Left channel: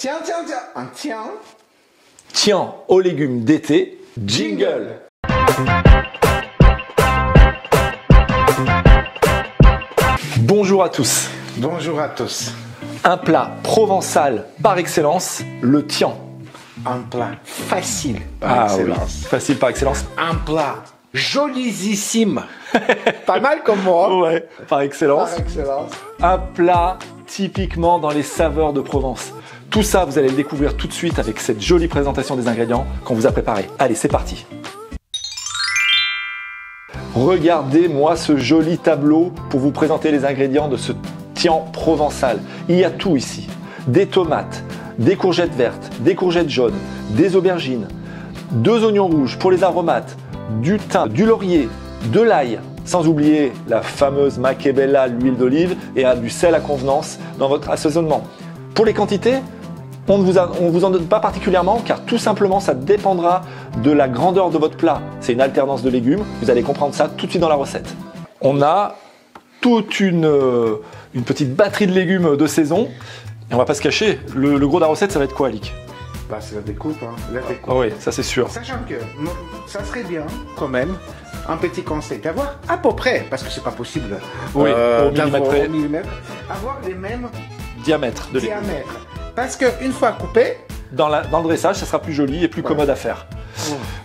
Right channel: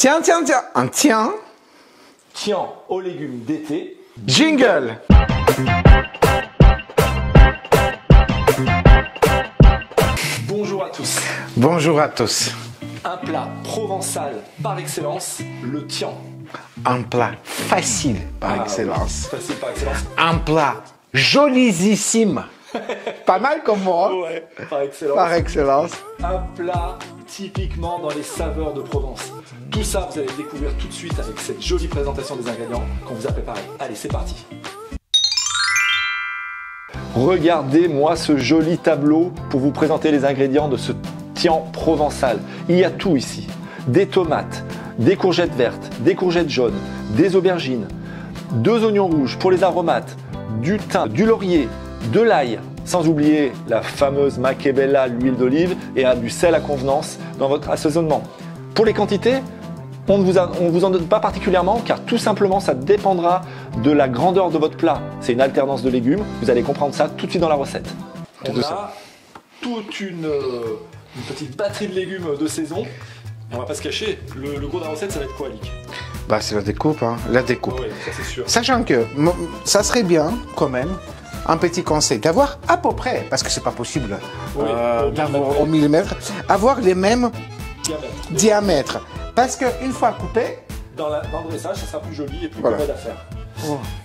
Tiens, tiens, tiens, un tiens. Tiens aux légumes d'été. Jingle. Bonjour à tous. Bonjour à tous. Un plat provençal par excellence, le tian. Un plat facile par excellence. Oui, facile par excellence. Un plat jolisissime. Pas mal comme moi. Ouais, par excellence. Par excellence. Un plat typiquement dans les saveurs de Provence. Tout ça, vous allez le découvrir tout de suite avec cette jolie présentation des ingrédients qu'on vous a préparés. Allez, c'est parti. Regardez-moi ce joli tableau pour vous présenter les ingrédients de ce tian provençal. Il y a tout ici. Des tomates, des courgettes vertes, des courgettes jaunes, des aubergines, 2 oignons rouges pour les aromates, du thym, du laurier, de l'ail, sans oublier la fameuse Macébella, l'huile d'olive et du sel à convenance dans votre assaisonnement. Pour les quantités, on ne vous en donne pas particulièrement car tout simplement ça dépendra de la grandeur de votre plat. C'est une alternance de légumes, vous allez comprendre ça tout de suite dans la recette. On a toute une petite batterie de légumes de saison et on va pas se cacher, le gros de la recette ça va être quoi, Alic? Bah, c'est la découpe, hein. La découpe. Ah oui, ça c'est sûr. Sachant que ça serait bien, quand même, un petit conseil, d'avoir à peu près, parce que c'est pas possible Oui, d'avoir au millimètre, avoir les mêmes diamètres. Parce qu'une fois coupé, dans le dressage, ça sera plus joli et plus commode à faire.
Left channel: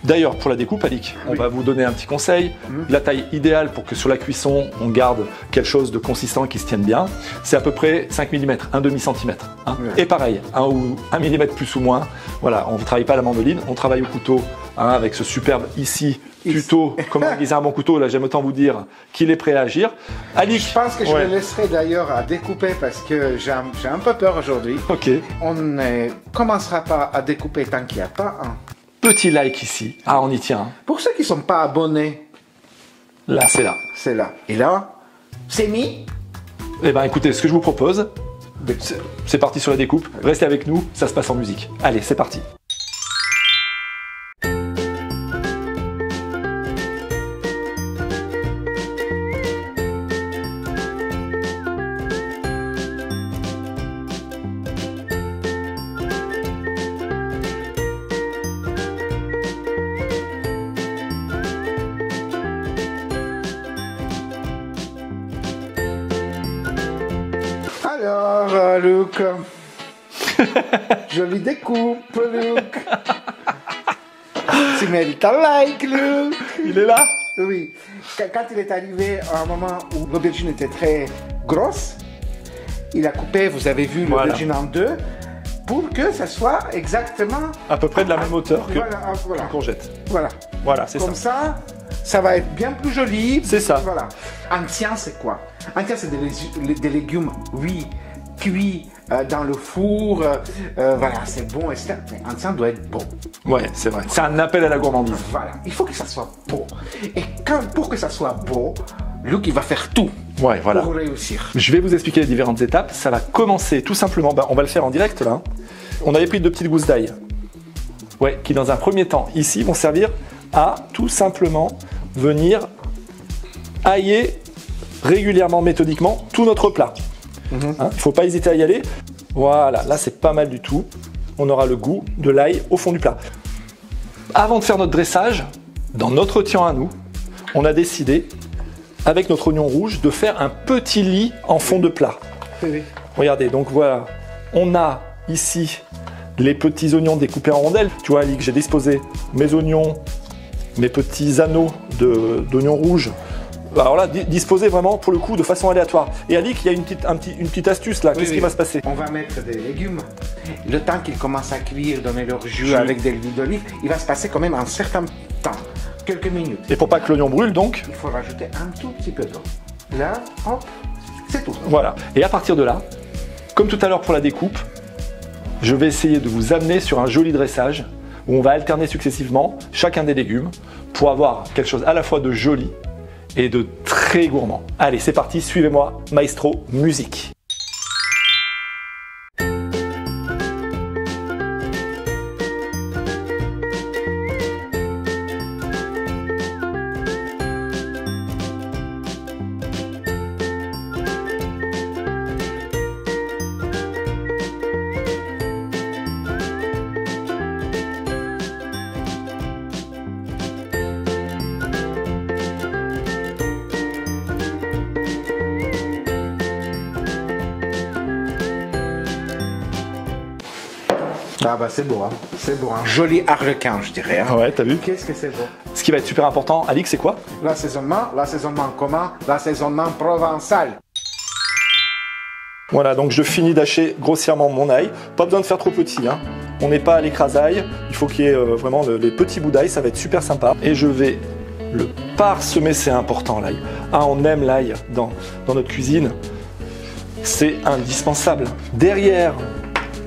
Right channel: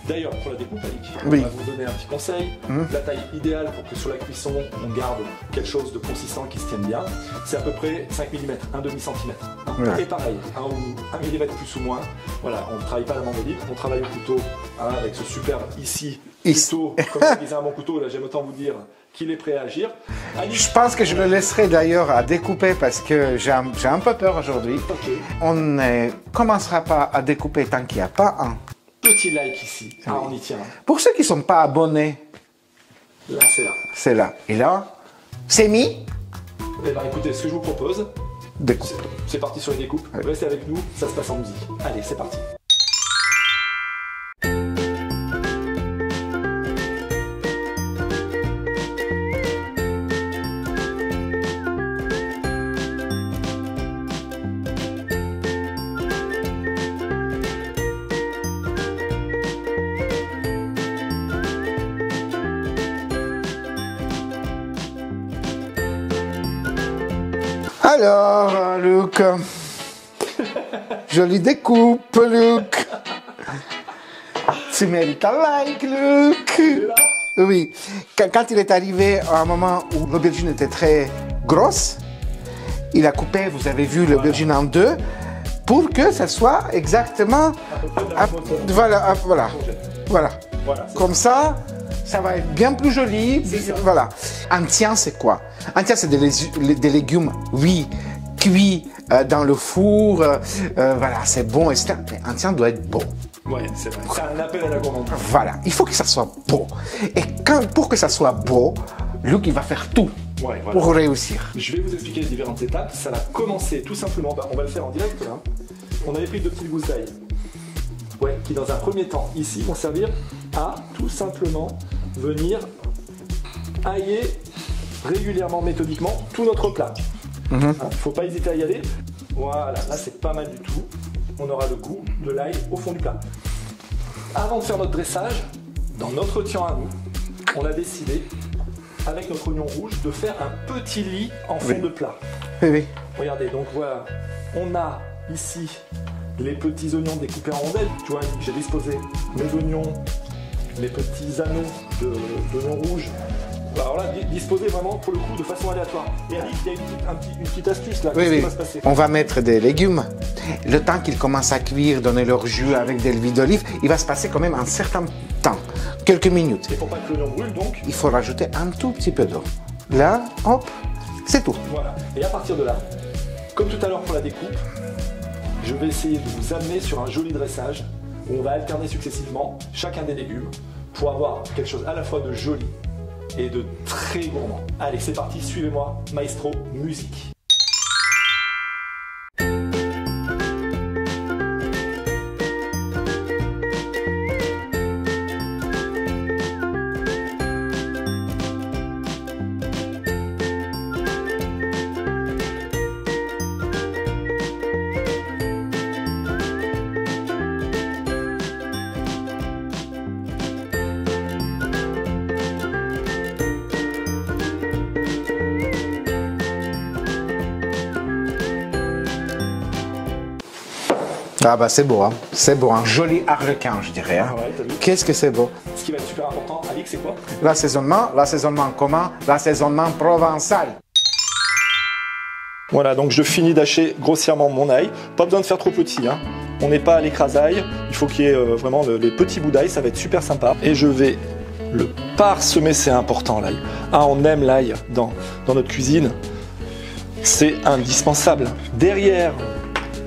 D'ailleurs, pour la découpe, Alic, on va vous donner un petit conseil. La taille idéale pour que sur la cuisson, on garde quelque chose de consistant qui se tienne bien, c'est à peu près 5 mm, un demi-centimètre. Et pareil, 1 mm plus ou moins. Voilà, on ne travaille pas à la mandoline, on travaille au couteau avec ce superbe ici. Plutôt, comme aiguiser un bon couteau, là j'aime autant vous dire qu'il est prêt à agir. Alic, je pense que je le laisserai d'ailleurs à découper parce que j'ai un peu peur aujourd'hui. Ok. On ne commencera pas à découper tant qu'il n'y a pas un petit like ici. Ah, on y tient. Pour ceux qui ne sont pas abonnés, là c'est là. C'est là. Et là, c'est mis. Eh bien écoutez, ce que je vous propose, c'est parti sur la découpe. Restez avec nous, ça se passe en musique. Allez, c'est parti. Alors, Luc, jolie découpe, Luc. Tu mérites un like, Luc. Il est là? Oui. Quand il est arrivé à un moment où l'aubergine était très grosse, il a coupé, vous avez vu, l'aubergine en deux, pour que ça soit exactement... à peu près de la même hauteur. Voilà, voilà. Courgette. Voilà, c'est comme ça. Ça va être bien plus joli. C'est ça. Voilà. Un tian, c'est quoi? Un tian, c'est des légumes, oui, cuits dans le four. Voilà, c'est bon. Un tian doit être bon. Ouais, c'est vrai. C'est un appel à la gourmandise. Voilà, il faut que ça soit beau. Et pour que ça soit beau, Luc, il va faire tout pour réussir. Je vais vous expliquer les différentes étapes. Ça va commencer tout simplement, on va le faire en direct là. On avait pris 2 petites gousses d'ail. Ouais, qui dans un premier temps, ici, vont servir à tout simplement venir ailler régulièrement, méthodiquement, tout notre plat. Il ne faut pas hésiter à y aller. Voilà, là c'est pas mal du tout. On aura le goût de l'ail au fond du plat. Avant de faire notre dressage, dans notre tian à nous, on a décidé, avec notre oignon rouge, de faire un petit lit en fond de plat. Oui. Regardez, donc voilà, on a ici les petits oignons découpés en rondelles. Tu vois, Ali, que j'ai disposé mes oignons, mes petits anneaux d'oignons rouges. Alors là, disposés vraiment pour le coup de façon aléatoire. Et Ali, il y a une petite astuce là. Qu'est-ce qui va se passer? On va mettre des légumes. Le temps qu'ils commencent à cuire, donner leur jus avec de l'huile d'olive, il va se passer quand même un certain temps, quelques minutes. Et pour pas que l'oignon brûle, donc, il faut rajouter un tout petit peu d'eau. Là, hop, c'est tout. Voilà. Et à partir de là, comme tout à l'heure pour la découpe, je vais essayer de vous amener sur un joli dressage où on va alterner successivement chacun des légumes pour avoir quelque chose à la fois de joli et de très gourmand. Allez, c'est parti, suivez-moi, Maestro, musique. Ah bah c'est beau, hein. C'est beau, un joli harlequin, je dirais. Hein. Ouais, t'as vu? Qu'est-ce que c'est beau. Ce qui va être super important, Alix, c'est quoi? L'assaisonnement commun, l'assaisonnement provençal. Voilà, donc je finis d'hacher grossièrement mon ail. Pas besoin de faire trop petit, hein. On n'est pas à l'écrasail. Il faut qu'il y ait vraiment les petits bouts d'ail, ça va être super sympa. Et je vais le parsemer, c'est important l'ail. Ah, on aime l'ail dans notre cuisine. C'est indispensable. Derrière,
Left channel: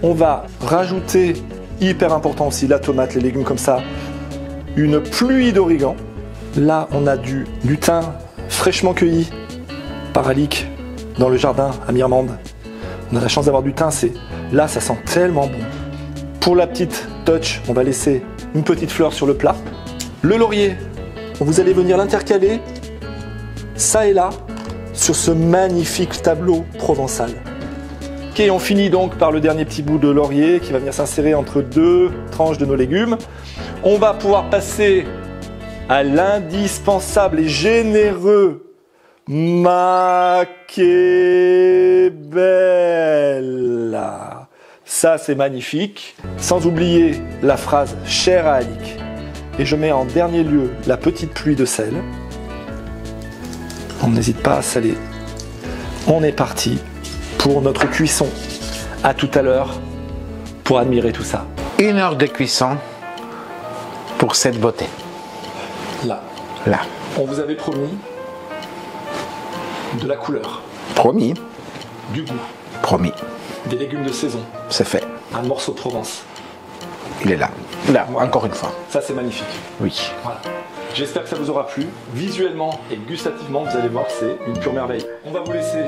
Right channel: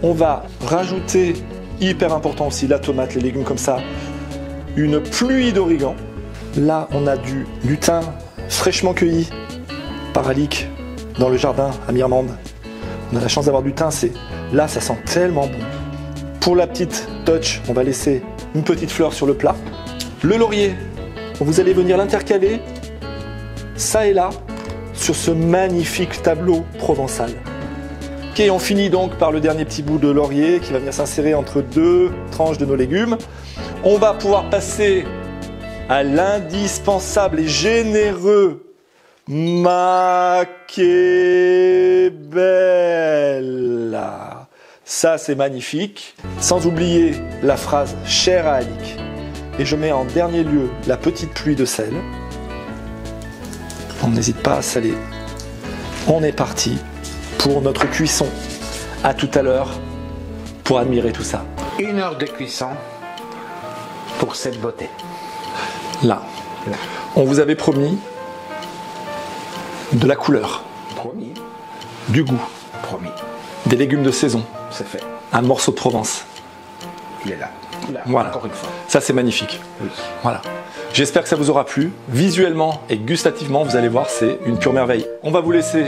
on va rajouter, hyper important aussi, la tomate, les légumes comme ça, une pluie d'origan. Là, on a du thym fraîchement cueilli par Alix dans le jardin à Mirmande. On a la chance d'avoir du thym, là, ça sent tellement bon. Pour la petite touch, on va laisser une petite fleur sur le plat. Le laurier, vous allez venir l'intercaler, ça et là, sur ce magnifique tableau provençal. Ok, on finit donc par le dernier petit bout de laurier qui va venir s'insérer entre deux tranches de nos légumes. On va pouvoir passer à l'indispensable et généreux Machiavel. Ça, c'est magnifique. Sans oublier la phrase chère à Alix. Et je mets en dernier lieu la petite pluie de sel. On n'hésite pas à saler. On est parti pour notre cuisson. À tout à l'heure pour admirer tout ça. 1 heure de cuisson pour cette beauté. Là, on vous avait promis de la couleur, Promis. du goût, Promis. des légumes de saison, C'est fait. un morceau de Provence. Il est là. Là, Voilà. encore une fois. Ça, c'est magnifique. Oui. Voilà. J'espère que ça vous aura plu. Visuellement et gustativement, vous allez voir, c'est une pure merveille. On va vous laisser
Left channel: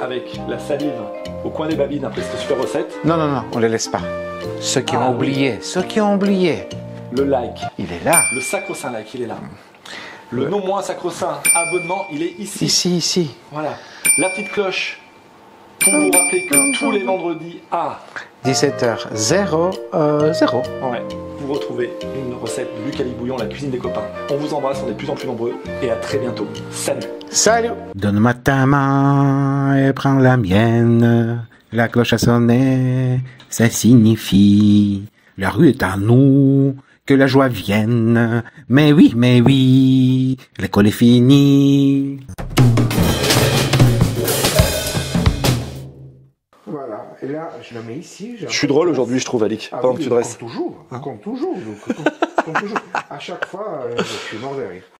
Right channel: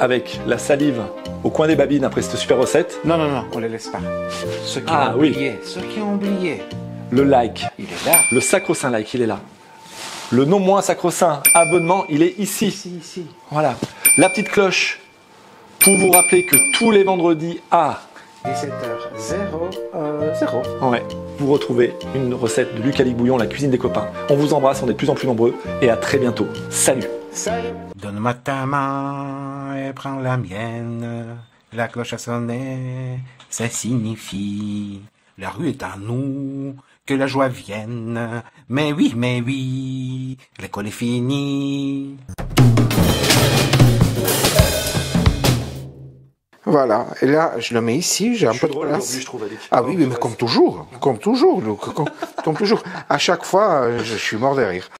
avec la salive au coin des babines après cette super recette. Non, on les laisse pas. Ceux qui ont oublié, Le like, il est là. le sacro-saint like, il est là. Le non moins sacro-saint abonnement, il est ici. Ici. Voilà. La petite cloche pour vous rappeler que tous les vendredis à 17h00. ouais, vous retrouvez une recette de Luc Alix Bouillon, la cuisine des copains. On vous embrasse, on est de plus en plus nombreux et à très bientôt. Salut. Salut. Donne-moi ta main et prends la mienne. La cloche a sonné, ça signifie la rue est à nous, que la joie vienne. Mais oui, l'école est finie. Voilà, et là, je le mets ici. Je suis drôle aujourd'hui, je trouve, Alix. Ah oui, comme toujours. À chaque fois, je suis mort de rire.